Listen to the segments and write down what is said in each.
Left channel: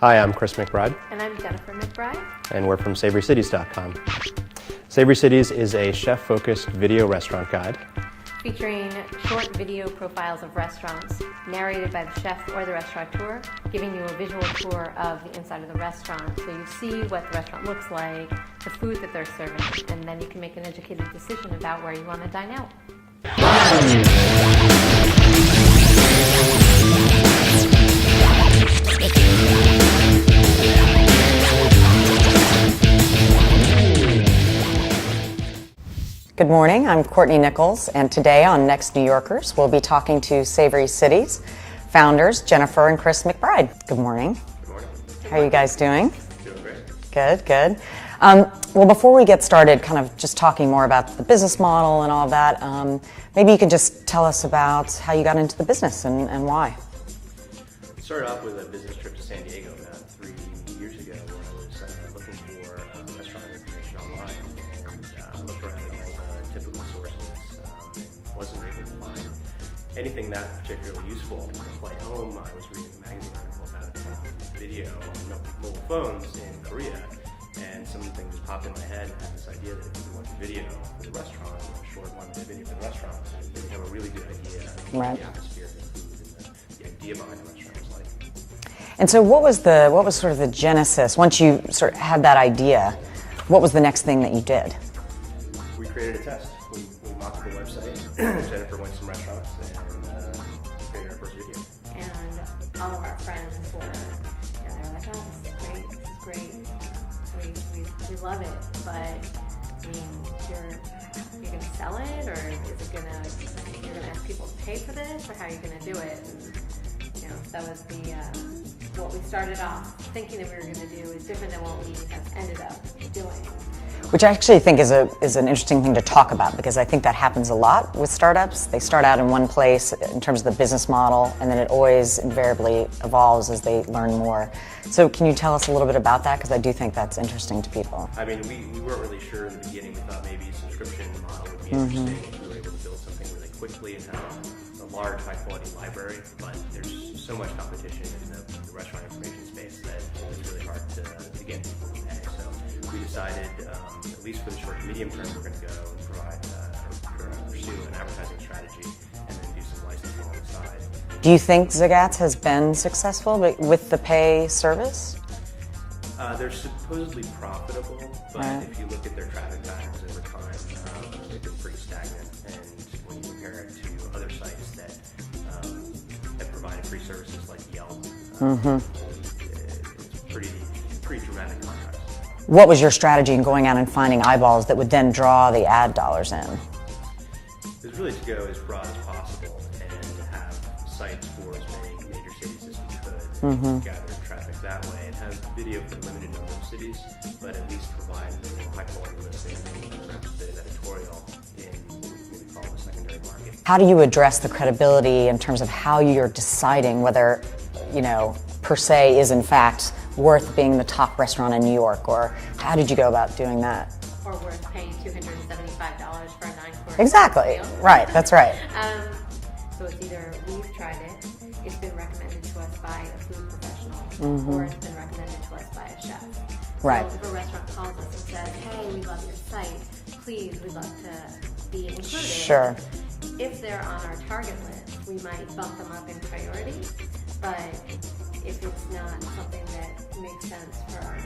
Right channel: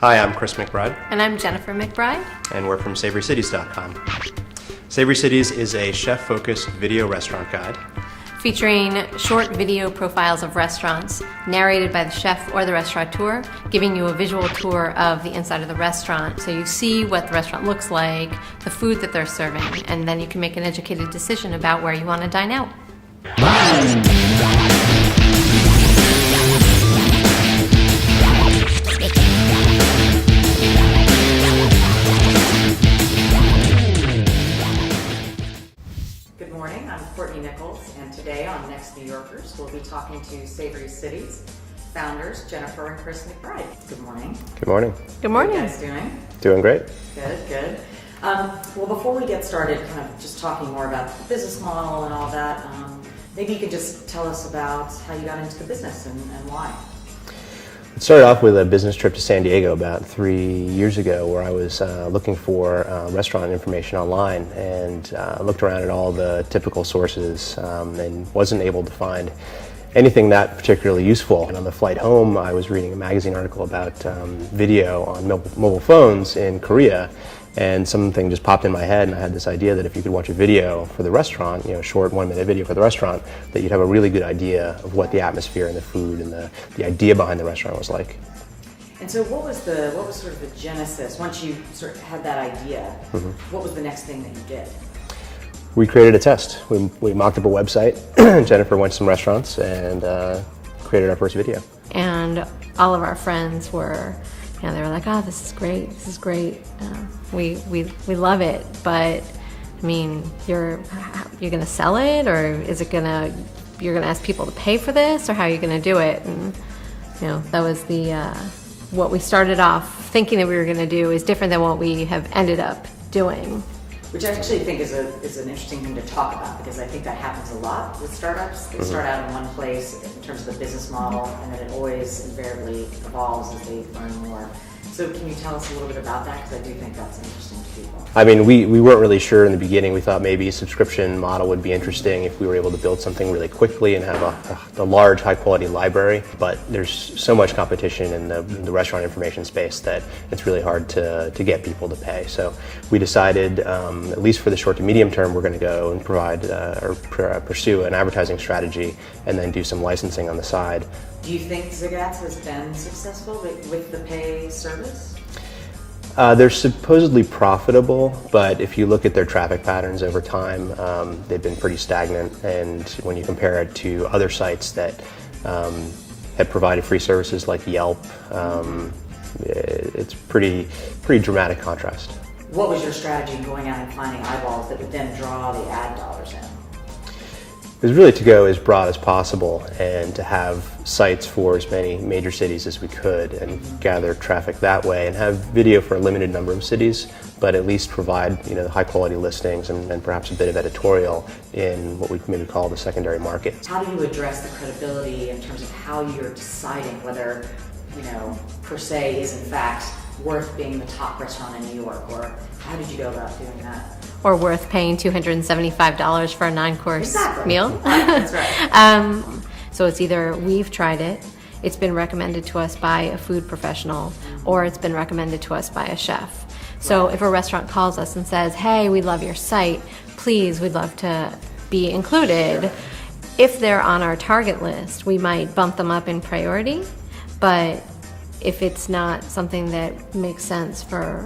Hi, I'm Chris McBride. And I'm Jennifer McBride. And we're from SavoryCities.com. Savory Cities is a chef-focused video restaurant guide Featuring short video profiles of restaurants, narrated by the chef or the restaurateur, giving you a visual tour of the inside of the restaurant. So you see what the restaurant looks like, the food that they're serving, and then you can make an educated decision about where you want to dine out. Good morning, I'm Courtney Nichols, and today on Next New Yorkers, we'll be talking to Savory Cities founders Jennifer and Chris McBride. Good morning. Good morning. Good morning. How are you guys doing? Doing great. Good, good. Well, before we get started, kind of just talking more about the business model and all of that, maybe you could just tell us about how you got into the business and why. It started off with a business trip to San Diego about 3 years ago where I was looking for restaurant information online and looked around at all the typical sources and wasn't able to find anything that particularly useful. And on the flight home, I was reading a magazine article about video on mobile phones in Korea, and something just popped in my head, and I had this idea that if you could watch a video for the restaurant, you know, short 1-minute video for the restaurant, that you'd have a really good idea of what the atmosphere and the food and the idea behind the restaurant was like. And so what was sort of the genesis, once you sort of had that idea, what was the next thing that you did? We created a test. We mocked up a website. Jennifer went to some restaurants and created our first video. And all of our friends were, you know, they were like, "Oh, this is great. This is great. We love it." But I mean, you're gonna sell it, or is it you're gonna ask people to pay for this, or how are you gonna do it? And you know, that was what we started off thinking that we were gonna do is different than what we have ended up doing. Which I actually think is an interesting thing to talk about, because I think that happens a lot with startups. They start out in one place in terms of the business model, and then it always invariably evolves as they learn more. So can you tell us a little bit about that? Because I do think that's interesting to people. I mean, we weren't really sure in the beginning. We thought maybe a subscription model would be interesting if we were able to build something really quickly and have a large, high-quality library. But there's so much competition in the restaurant information space that it's really hard to get people to pay. So we decided, at least for the short to medium term, we're going to go and provide or pursue an advertising strategy and then do some licensing on the side. Do you think Zagat's has been successful with the pay service? They're supposedly profitable, but if you look at their traffic patterns over time, they've been pretty stagnant. And when you compare it to other sites that have provided free services like Yelp, it's pretty dramatic contrast. What was your strategy in going out and finding eyeballs that would then draw the ad dollars in? It was really to go as broad as possible and to have sites for as many major cities as we could and gather traffic that way, and have video for a limited number of cities, but at least provide, you know, high quality listings and perhaps a bit of editorial in what we maybe call the secondary market. How do you address the credibility in terms of how you're deciding whether, you know, per se is in fact worth being the top restaurant in New York, or how did you go about doing that? Or worth paying $275 for a 9-course meal. Right, that's right. So it's either we've tried it, it's been recommended to us by a food professional, or it's been recommended to us by a chef. So if a restaurant calls us and says, "Hey, we love your site, please, we'd love to be included." Sure. If they're on our target list, we might bump them up in priority, but if it's not something that makes sense for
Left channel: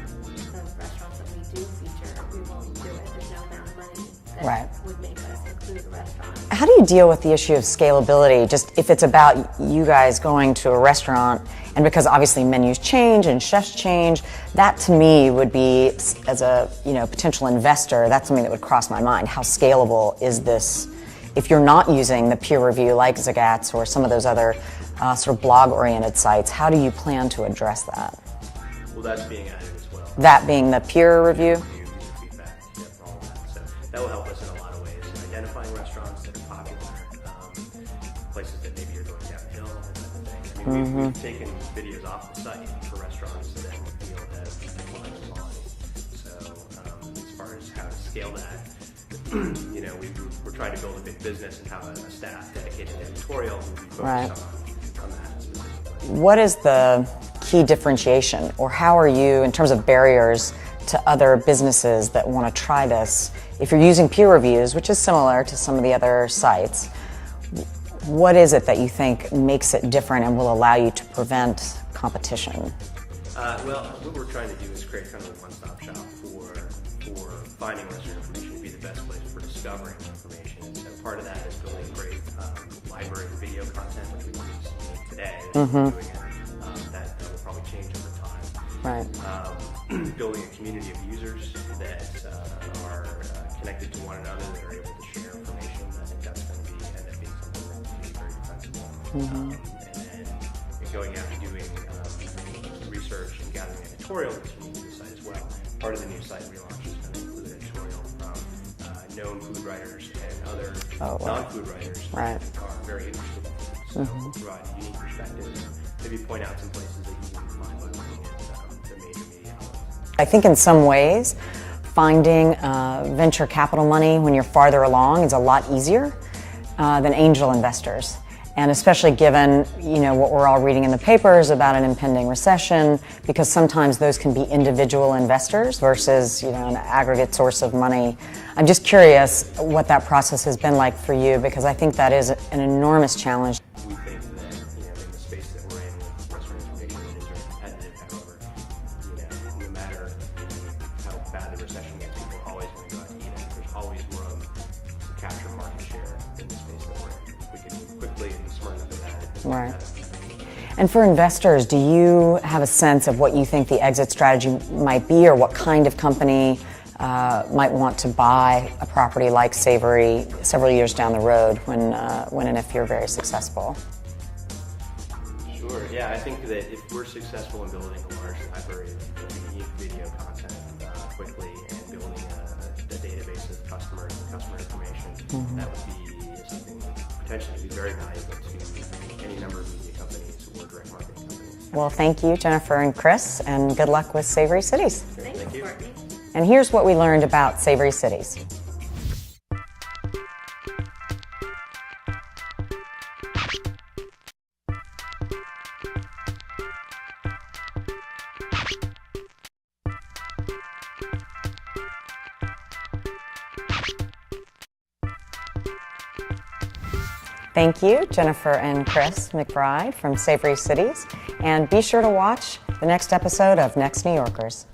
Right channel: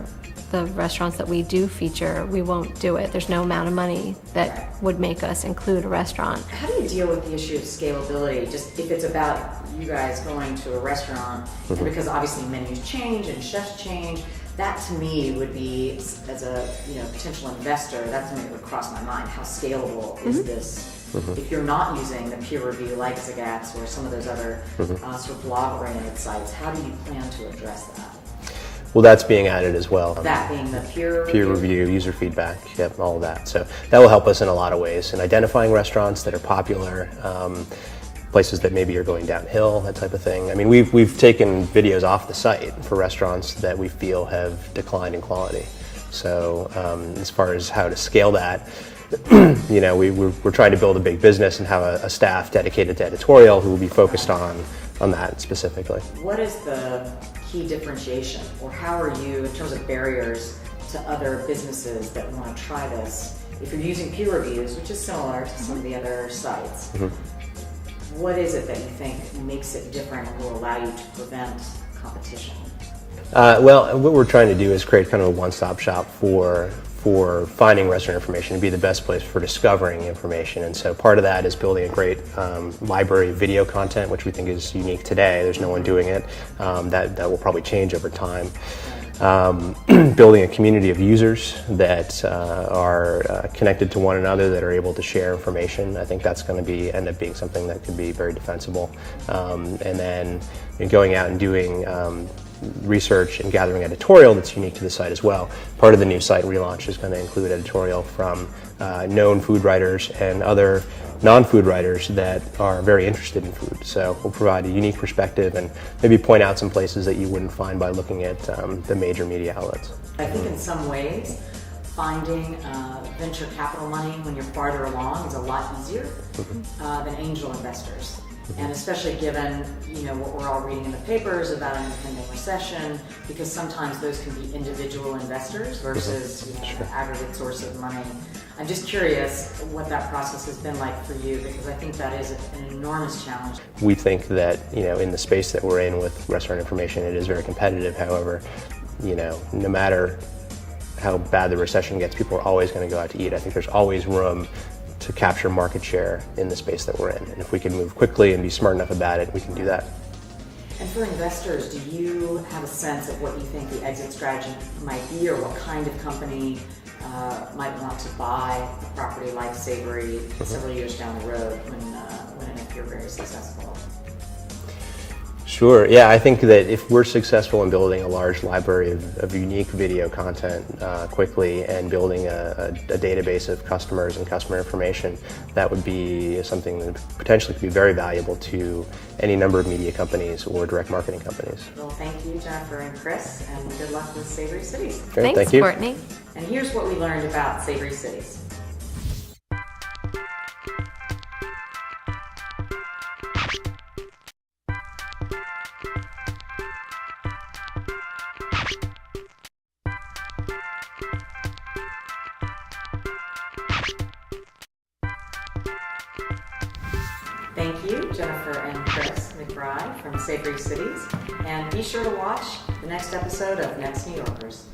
the restaurants that we do feature, we won't do it. There's no amount of money that would make us include a restaurant. How do you deal with the issue of scalability? Just if it's about you guys going to a restaurant, and because obviously menus change and chefs change, that to me would be, as a potential investor, that's something that would cross my mind. How scalable is this? If you're not using the peer review like Zagat's or some of those other sort of blog-oriented sites, how do you plan to address that? Well, that's being added as well. That being the peer review? Peer review, user feedback, yep, all of that. So that will help us in a lot of ways in identifying restaurants that are popular, places that maybe are going downhill, that type of thing. I mean, we've taken videos off the site for restaurants that we feel have declined in quality. So as far as how to scale that, you know, we're trying to build a big business and have a staff dedicated to editorial who will be focused on that specifically. What is the key differentiation, or how are you, in terms of barriers to other businesses that want to try this? If you're using peer reviews, which is similar to some of the other sites, what is it that you think makes it different and will allow you to prevent competition? Well, what we're trying to do is create kind of a one-stop shop for finding restaurant information, to be the best place for discovering information. And so part of that is building a great library of video content, which we think is unique today. There's no one doing it. That will probably change over time. Right. Building a community of users that are connected to one another, that are able to share information. I think that's going to end up being something that could be very defensible. And then going out and doing research and gathering editorial that's unique to the site as well. Part of the new site relaunch is going to include editorial from known food writers and other non-food writers that are very interested in food. So we'll provide a unique perspective and maybe point out some places that you wouldn't find by looking at the major media outlets. I think in some ways, finding venture capital money when you're farther along is a lot easier than angel investors. And especially given, what we're all reading in the papers about an impending recession, because sometimes those can be individual investors versus, an aggregate source of money. I'm just curious what that process has been like for you, because I think that is an enormous challenge. We think that, in the space that we're in with restaurant information, it is very competitive. However, no matter how bad the recession gets, people are always going to go out to eat. I think there's always room to capture market share in the space that we're in. And if we can move quickly and be smart enough about it, we can do that. And for investors, do you have a sense of what you think the exit strategy might be, or what kind of company might want to buy a property like Savory several years down the road when and if you're very successful? Sure. Yeah, I think that if we're successful in building a large library of unique video content quickly and building a database of customers and customer information, that would be something that potentially could be very valuable to any number of media companies or direct marketing companies. Well, thank you, Jennifer and Chris, and good luck with Savory Cities. Great, Thanks, thank you. Courtney. And here's what we learned about Savory Cities. Thank you, Jennifer and Chris McBride from Savory Cities. And be sure to watch the next episode of Next New Yorkers.